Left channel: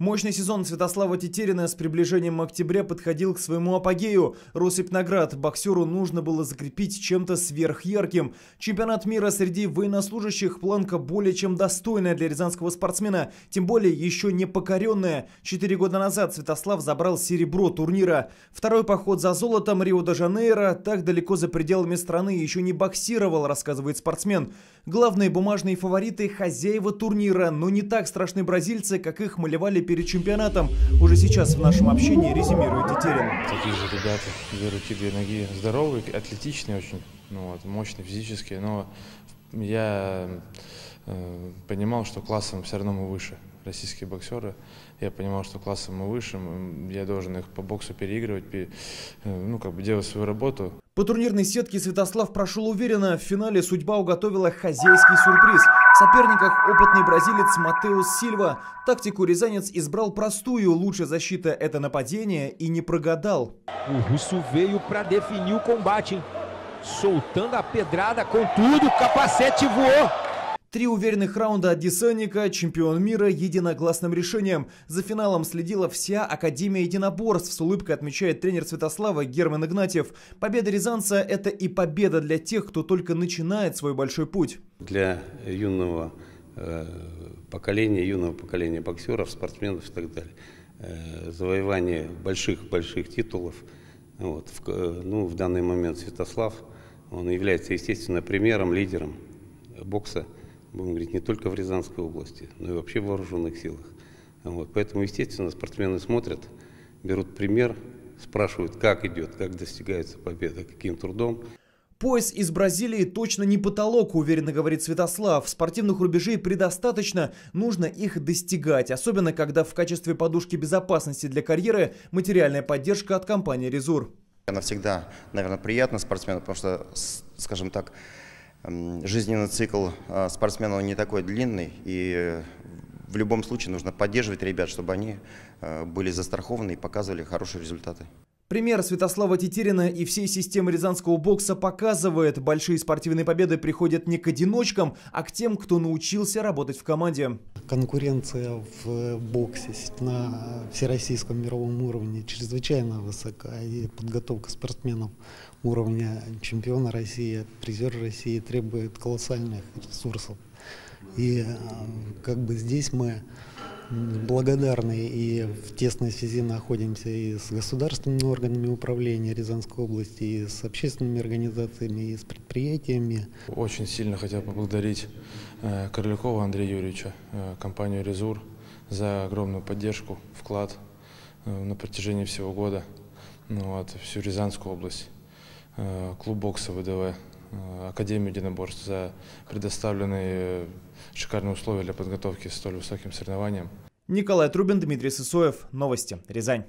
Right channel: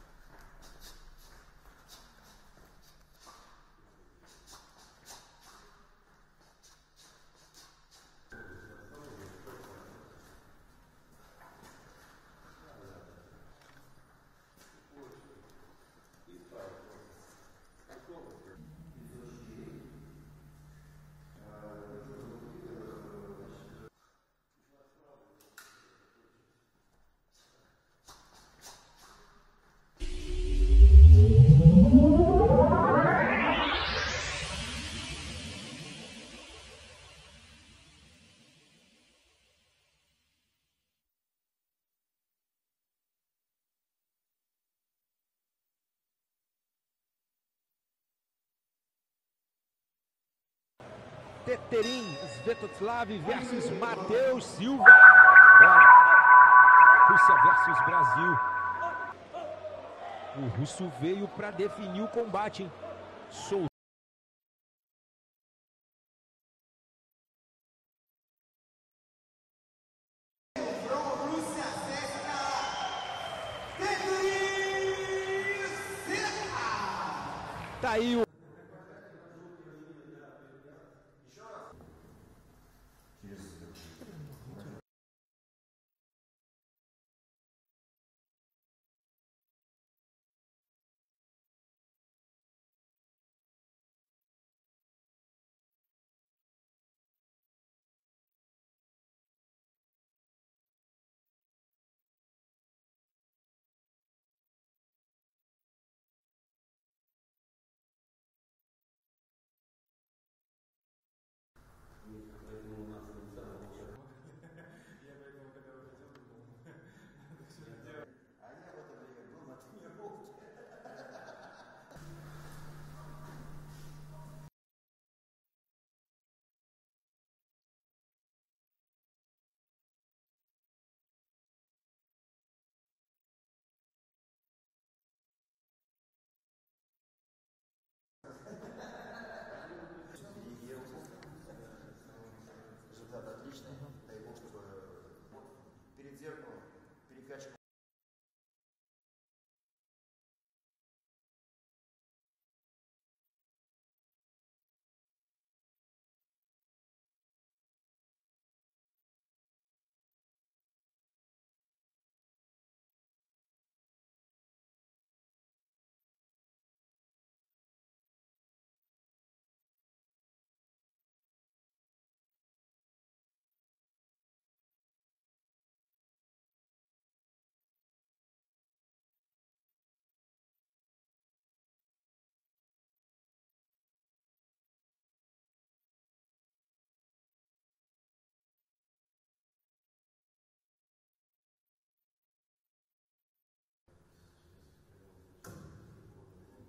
Мощный сезон Святослава Тетерина с приближением октября подходил к своему апогею. Россыпнаград боксеру нужно было закрепить чем-то сверхярким. Чемпионат мира среди военнослужащих – планка более чем достойная для рязанского спортсмена, тем более еще не покоренная. 4 года назад Святослав забрал серебро турнира. Второй поход за золотом Рио-де-Жанейро так далеко за пределами страны еще не боксировал, рассказывает спортсмен. Главные бумажные фавориты – хозяева турнира, но не так страшны бразильцы, как их малевали перед чемпионатом. Уже сейчас в нашем общении резюмирует Тетерин. Такие же ребята, две руки, две ноги, здоровые, атлетичные очень, мощные физически, но я понимал, что классом все равно мы выше, российские боксеры. Я понимал, что классом мы выше, я должен их по боксу переигрывать, делать свою работу. По турнирной сетке Святослав прошел уверенно. В финале судьба уготовила хозяйский сюрприз. В соперниках опытный бразилец Матеус Сильва. Тактику рязанец избрал простую. Лучшая защита – это нападение, и не прогадал. Три уверенных раунда от Десенника, чемпион мира единогласным решением. За финалом следила вся Академия единоборств. С улыбкой отмечает тренер Святослава Герман Игнатьев. Победа рязанца – это и победа для тех, кто только начинает свой большой путь. Для юного поколения боксеров, спортсменов и так далее. Завоевание больших титулов. В данный момент Святослав, он является, естественно, примером, лидером бокса. Будем говорить, не только в Рязанской области, но и вообще в вооруженных силах. Поэтому, естественно, спортсмены смотрят, берут пример, спрашивают, как идет, как достигается победа, каким трудом. Пояс из Бразилии точно не потолок, уверенно говорит Святослав. Спортивных рубежей предостаточно, нужно их достигать. Особенно, когда в качестве подушки безопасности для карьеры материальная поддержка от компании «Резур». Она всегда, наверное, приятна спортсмену, потому что, скажем так, жизненный цикл спортсмена не такой длинный, и в любом случае нужно поддерживать ребят, чтобы они были застрахованы и показывали хорошие результаты. Пример Святослава Тетерина и всей системы рязанского бокса показывает, большие спортивные победы приходят не к одиночкам, а к тем, кто научился работать в команде. Конкуренция в боксе на всероссийском мировом уровне чрезвычайно высока, и подготовка спортсменов уровня чемпиона России, призера России требует колоссальных ресурсов. И здесь мы благодарны и в тесной связи находимся и с государственными органами управления Рязанской области, и с общественными организациями, и с предприятиями. Очень сильно хотел поблагодарить Корлякова Андрея Юрьевича, компанию «Резур» за огромную поддержку, вклад на протяжении всего года, всю Рязанскую область, клуб бокса ВДВ, Академию единоборств за предоставленные шикарные условия для подготовки к столь высоким соревнованиям. Николай Трубин, Дмитрий Сысоев. Новости. Рязань.